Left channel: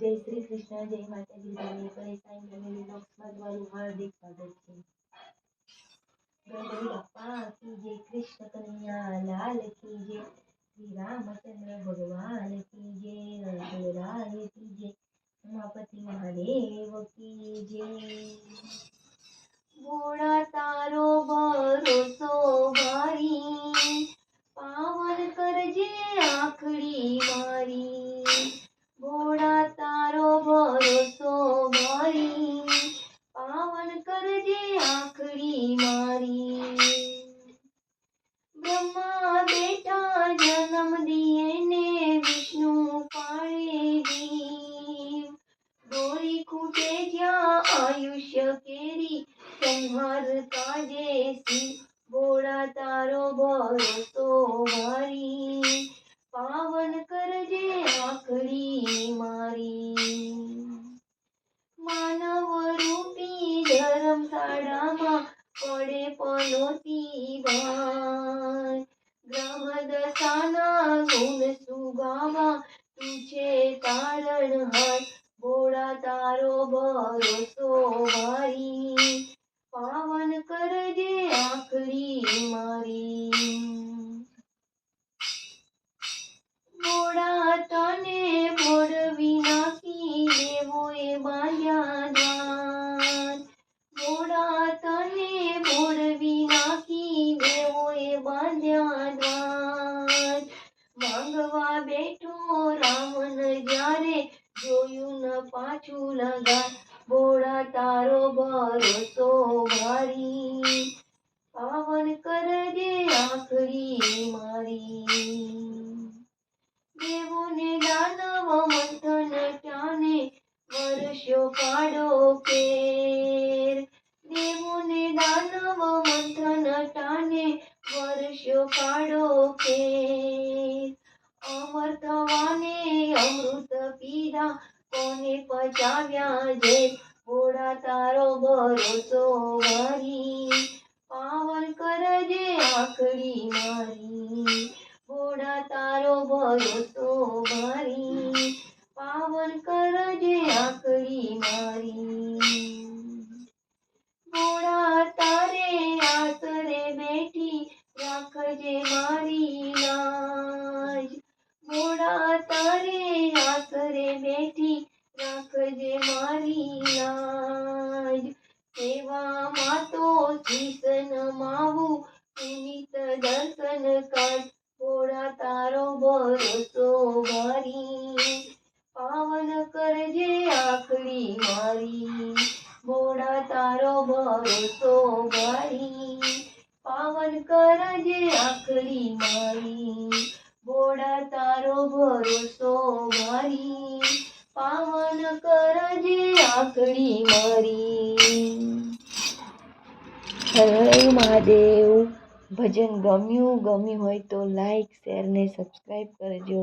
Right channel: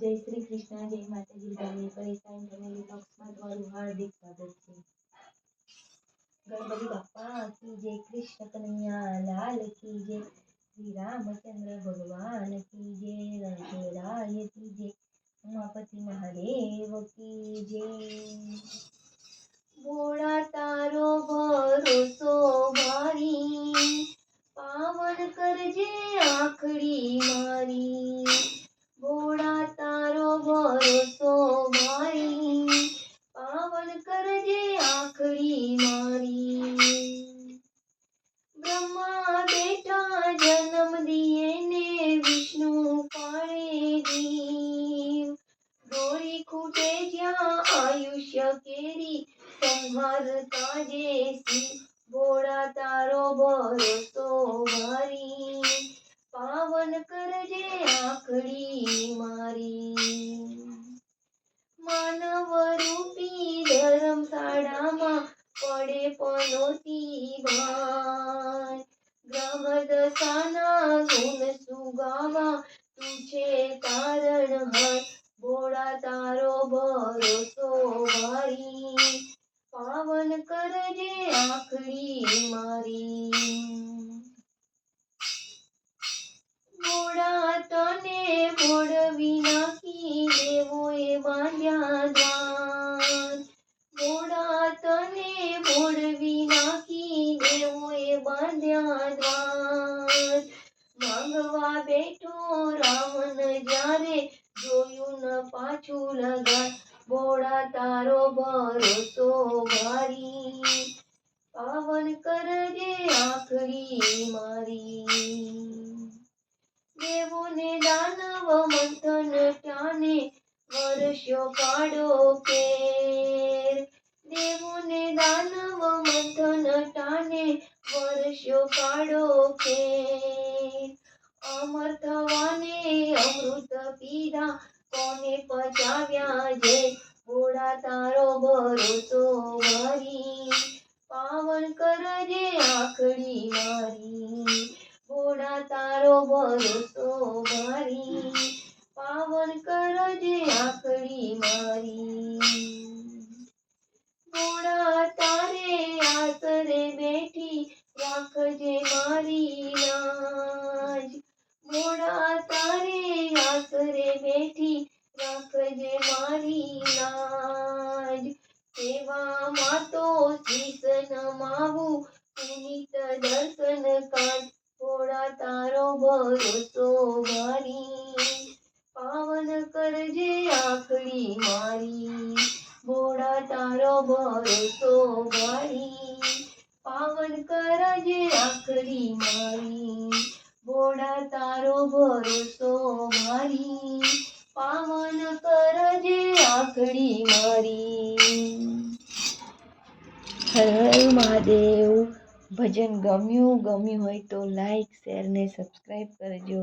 જય શ્રી કૃષ્ણ જય માતાજી તમે પરેશાન ફેમિલી બ્લોગ્સમાં તમારું હાર્દિક સ્વાગત છે ગણપતિ બાપ્પા કી જય કૃષ્ણ કનૈયા લાલ કી જય શ્રી રામચંદ્ર ભગવાન કી જય રણછોડરાય કી જય ઉમાપતિ મહાદેવ કી જય ભોળા તારો ભરોસો ભારી પાવન કરજે આખડી મારી બ્રહ્મા બેટા જન્મ દિયે ને વિષ્ણુ પાળે જીવ દોરી ખૂટે જ્યાં આયુષ્ય કેરી, સંહાર તાજે શિવ ભોળા તારો ભરોસો મારી પાવન કરજે આખડી મારી. માનવ પડે પલોતી ભાઈ ગ્રહ દશાના જોયું ન પાછું લગા. ભોળા તારો ભરોસો મારી પાવન કરજે આખરી મારી. દેવોને દાનવ મંથન ચાને વર્ષો કાઢો કેર દેવોને દાનવ મંથન ટાને વર્ષો પાડો કેર અમર પીધા કોને પચાવ્યા જે? ઘોડા તારો ભરોસો મારી પાવન કરજે આખડી મારી. ઘોડા તારો ભરોસો મારી પાવન કરજે આખડી મારી. સેવામાં તો શીશ નમાવું પુનિત દર્શન કાઢ થોડા તારો ભરોસો મારી પાવન કરજે આખડી મારી ભોળા તારો ભરોસો મારી પાવન કરજે આખડી મારી ભોળા તારો ભરોસો મારી પાવન કરજે આખડી મારી. હર મહાદેવ. ભજન ગમ્યું ગમ્યું હોય તો લાઈક શેર ને સબસ્ક્રાઈબ કરજો.